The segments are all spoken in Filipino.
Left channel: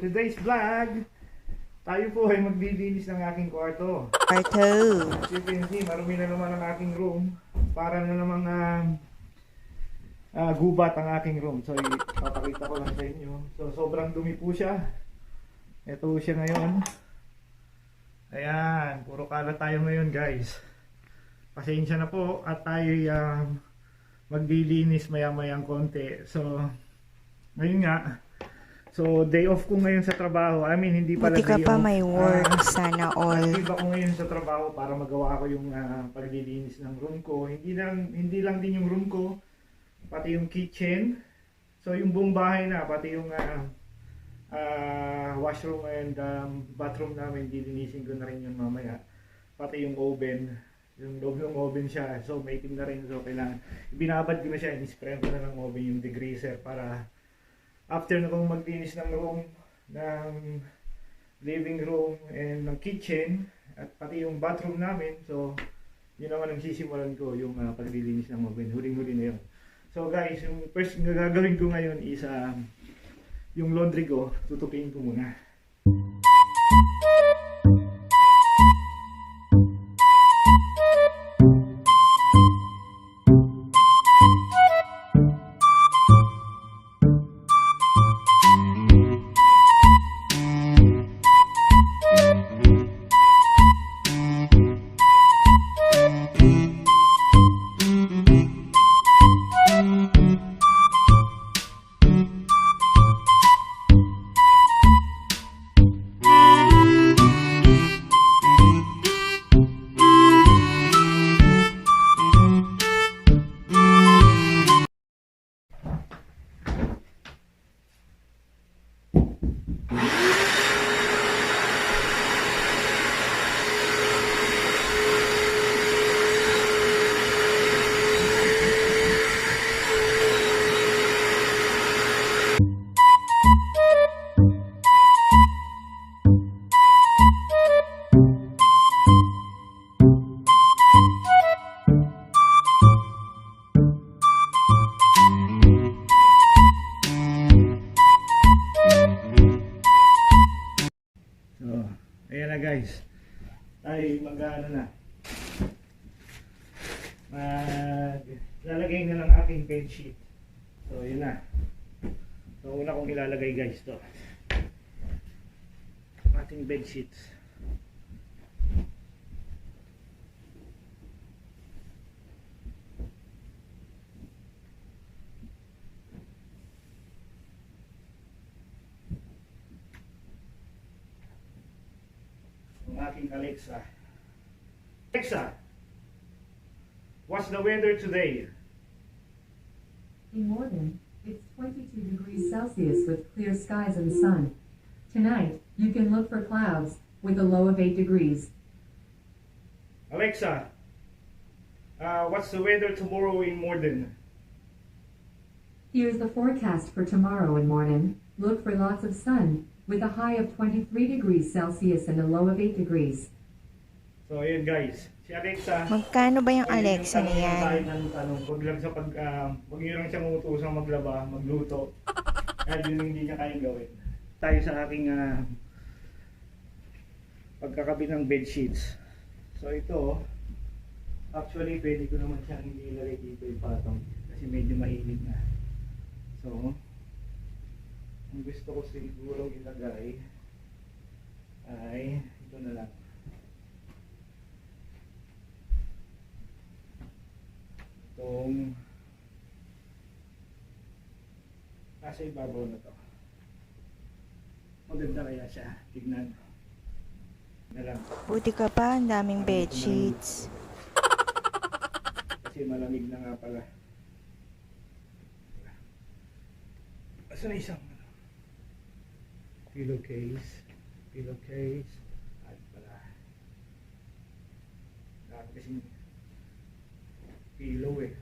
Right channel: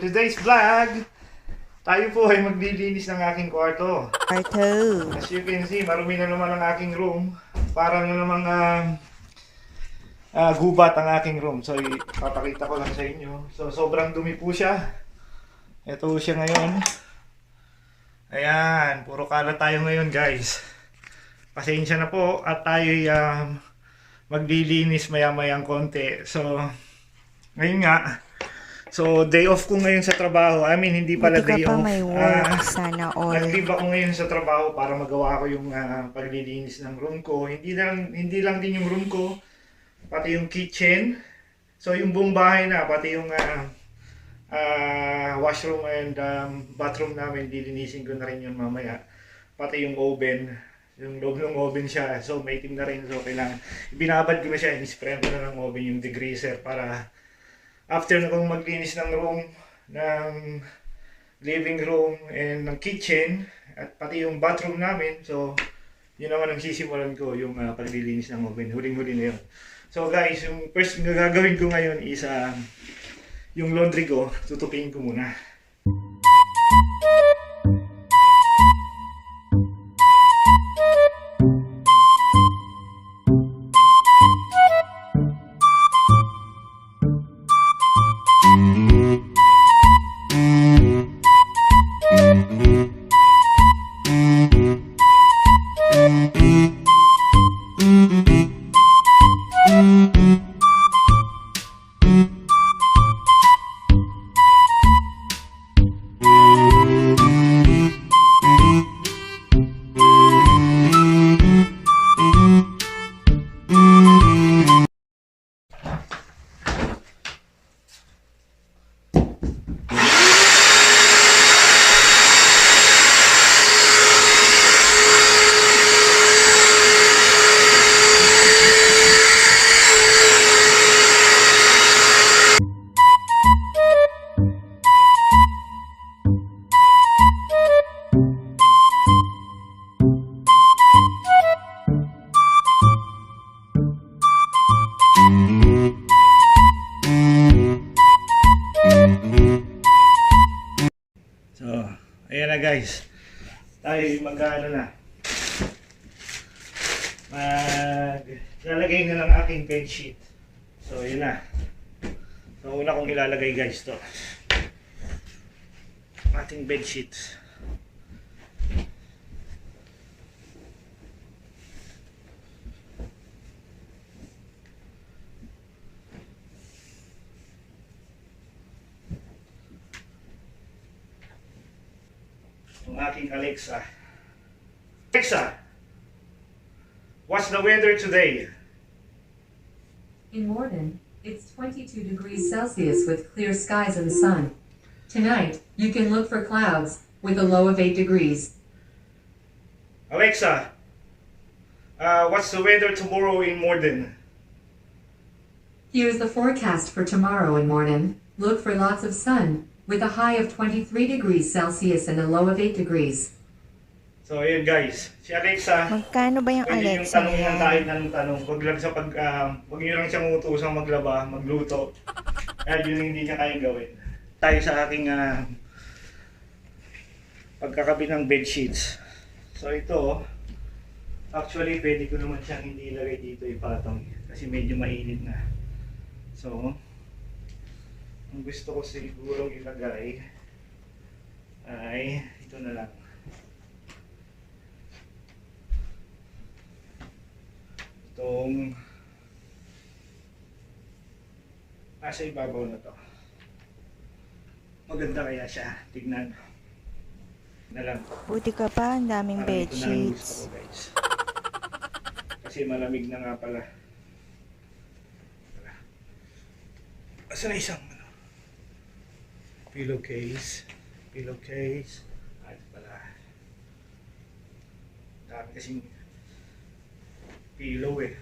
today's vlog, tayo po ay maglilinis ng aking kwarto. As you can see, marumi na naman ang aking room. Para na namang gubat ang aking room. So, ipapakita ko lang sa inyo. So, sobrang dumi po siya. Ito siya ngayon. Ayan, puro kalat tayo ngayon guys. Pasensya na po at tayo maglilinis maya-mayang konti. So, ngayon nga. So, day off ko ngayon sa trabaho. I mean, hindi pala Buti ka day pa off. may work, sana all. Active ako ngayon sa trabaho para magawa ko yung paglilinis ng room ko. Hindi lang din yung room ko, pati yung kitchen. So, yung buong bahay na, pati yung washroom and bathroom namin, dilinisin ko na rin yun mamaya. Pati yung oven. Yung loob ng oven siya. So, may itim na rin. So, kailangan, binabad ko na siya. Inisprayan ko na ng oven yung degreaser para after na kong maglinis ng room, ng living room, and ng kitchen, at pati yung bathroom namin, so yun naman ang sisimulan ko, yung paglilinis ng oven. Huling-huli na yun. So guys, yung first na gagawin ko ngayon is yung laundry ko, tutupiin ko muna. So, ayan na guys. Tayo mag-ano na. Lalagay na ng aking bedsheet. So, yun na. So, una kong ilalagay guys to. Ating bedsheet. Aking Alexa. Alexa, what's the weather today? In Morden, it's 22 degrees Celsius with clear skies and sun. Tonight, you can look for clouds with a low of 8 degrees. Alexa, what's the weather tomorrow in Morden? Here's the forecast for tomorrow in Morden. Look for lots of sun with a high of 23 degrees Celsius and a low of 8 degrees. So, ayun guys. Si Alexa, Magkano ba yung ayun Alexa na yan? Tayo ng tanong. Wag nyo lang siyang utusang maglaba, magluto. Kaya yun hindi niya kayang gawin. Tayo sa aking pagkakabit ng bed sheets. So, ito, actually, pwede ko naman siyang hindi ilagay dito ipatong. Kasi medyo mainit na. So, ang gusto ko sigurong ilagay ay ito na lang. Itong nasa ibabaw na to. Maganda kaya siya. Tignan. Na lang. Buti ka pa, ang daming bed sheets. Kasi malamig na nga pala. Asa na isang pillowcase. Ay pala. Dami kasing pillow eh.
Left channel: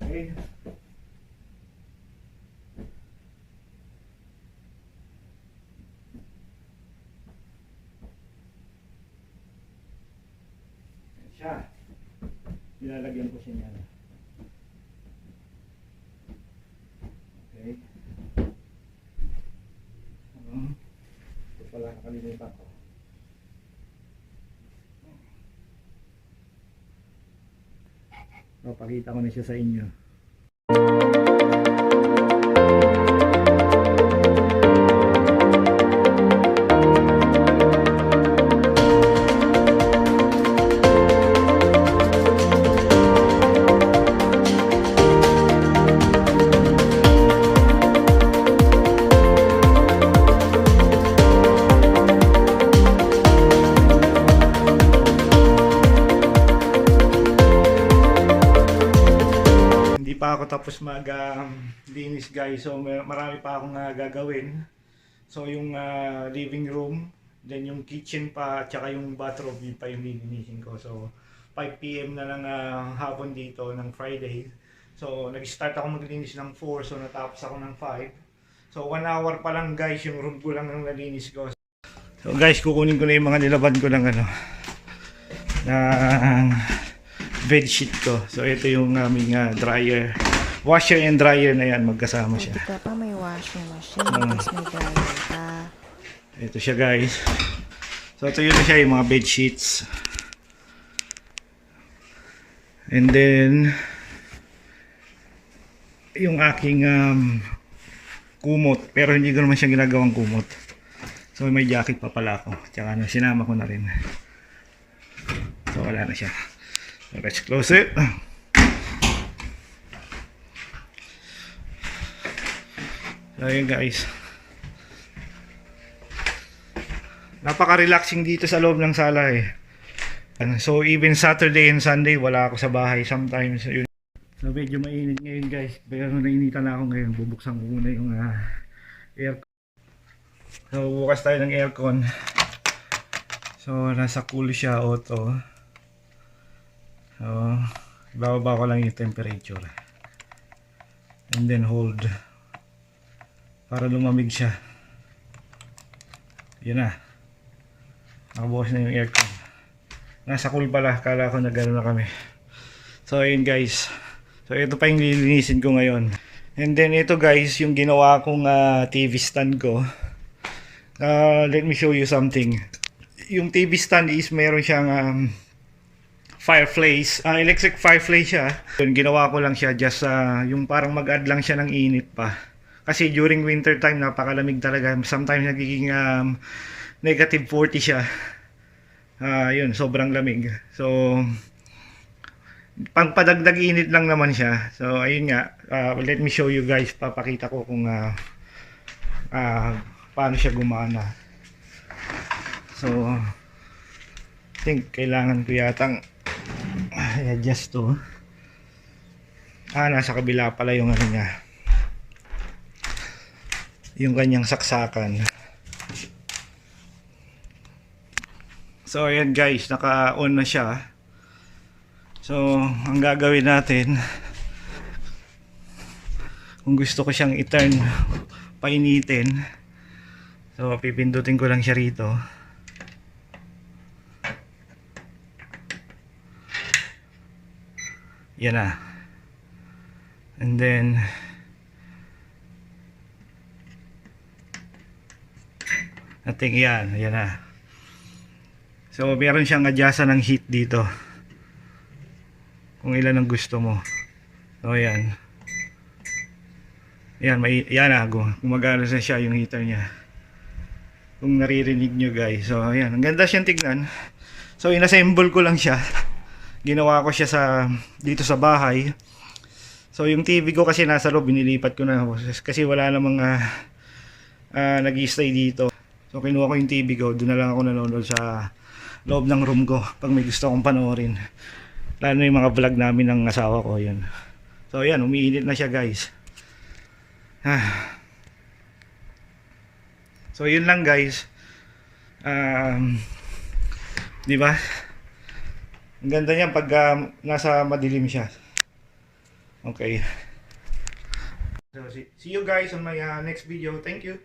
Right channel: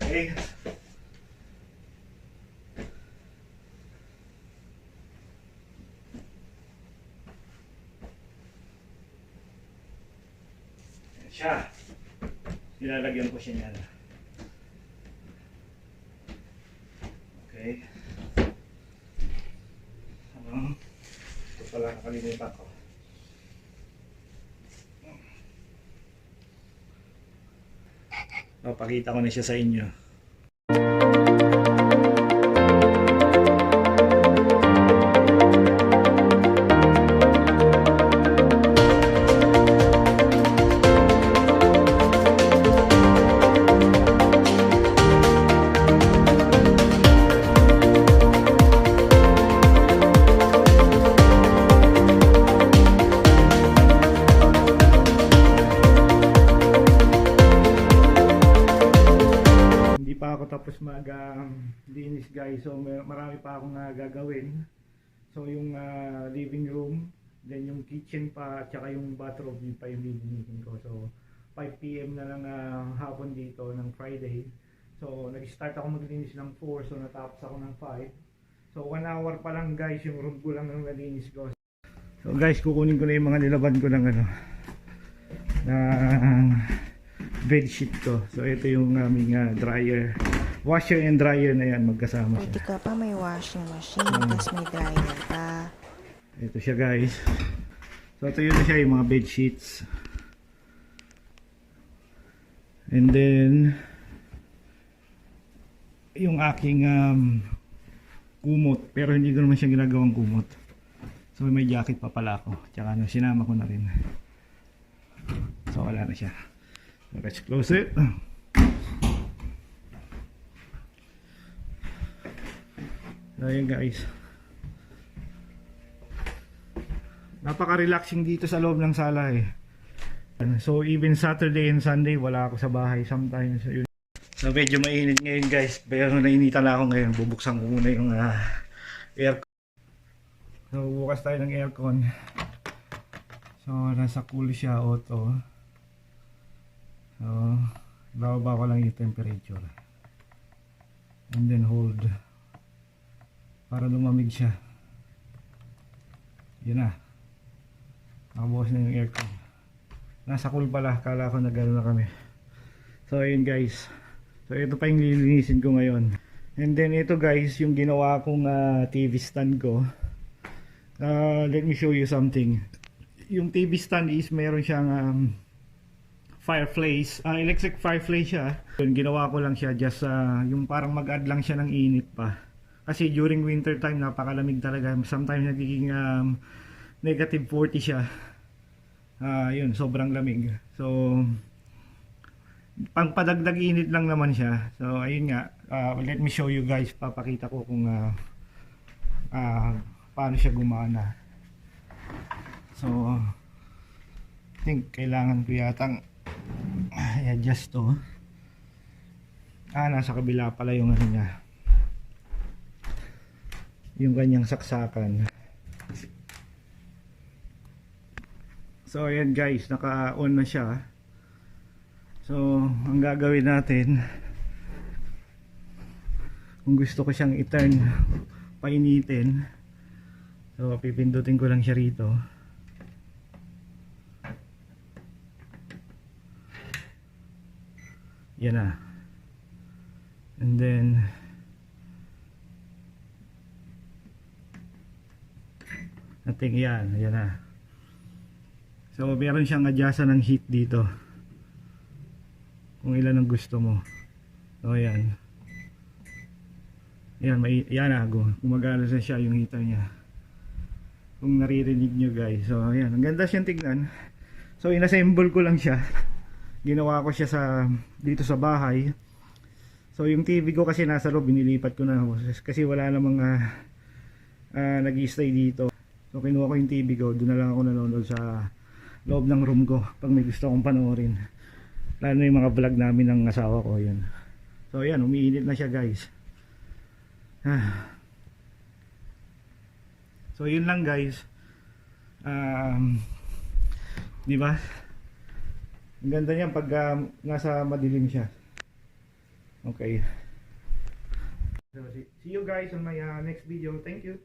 Okay. Ayan siya. Ilalagyan ko siya niyan. Okay. Ito pala, nakalimutan ko. Papakita ko na siya sa inyo. Hindi pa ako tapos linis guys, so marami pa akong gagawin. So yung living room, then yung kitchen pa, tsaka yung bathroom, yun pa yung lilinisin ko. So 5 PM na lang hapon dito ng Friday. So nag-start ako maglinis ng 4, so natapos ako ng 5. So 1 hour pa lang guys, yung room ko lang ang nalinis ko. So guys, kukunin ko na yung mga nilaban ko ng ng bedsheet ko. So ito yung aming dryer. Washer and dryer na yan, magkasama siya. Buti ka pa may washing machine, tapos may dryer ka. Ito siya guys. So ito yun na siya, yung mga bed sheets. And then yung aking kumot, pero hindi ko naman siya ginagawang kumot. So may jacket pa pala ako. Tsaka sinama ko na rin. So wala na siya. So let's close it. So yun guys, napaka-relaxing dito sa loob ng sala eh. So even Saturday and Sunday wala ako sa bahay sometimes. Yun. So medyo mainit ngayon guys, pero nainitan na ako ngayon. Bubuksan ko muna yung aircon. So bukas tayo ng aircon. So nasa cool siya, auto. So ibababa ko lang yung temperature. And then hold para lumamig siya. Yun na. Nakabukas na yung aircon. Nasa cool pala. Kala ko na gano'n na kami. So ayun guys. So ito pa yung lilinisin ko ngayon. And then ito guys, yung ginawa kong TV stand ko. Let me show you something. Yung TV stand is meron siyang fireplace. Electric fireplace siya. Yun, ginawa ko lang siya just yung parang mag-add lang siya ng init pa. Kasi during winter time napakalamig talaga. Sometimes nagiging negative 40 siya. Yun, sobrang lamig. So pangpadagdag init lang naman siya. So ayun nga, let me show you guys. Papakita ko kung paano siya gumana. So I think kailangan ko yatang i-adjust to. Nasa kabila pala yung ano niya, yung kanyang saksakan. So ayan guys, naka-on na siya. So ang gagawin natin, kung gusto ko siyang i-turn, painitin, so pipindutin ko lang siya rito. Yan na. And then I think yan na. So meron siyang adjustan ng heat dito kung ilan ang gusto mo. So yan. Yan na, gumagana na siya yung heater niya. Kung naririnig nyo guys. So ayan, ang ganda siyang tignan. So inassemble ko lang siya. Ginawa ko siya dito sa bahay. So yung TV ko kasi nasa loob, binilipat ko na kasi wala namang nag-i-stay dito. So kinuha ko yung TV ko, doon na lang ako nanonood sa loob ng room ko pag may gusto akong panoorin. Lalo na yung mga vlog namin ng asawa ko, yun. So ayan, umiinit na siya guys. So yun lang guys. Di ba? Ang ganda niya pag nasa madilim siya. Okay. So see you guys on my next video. Thank you.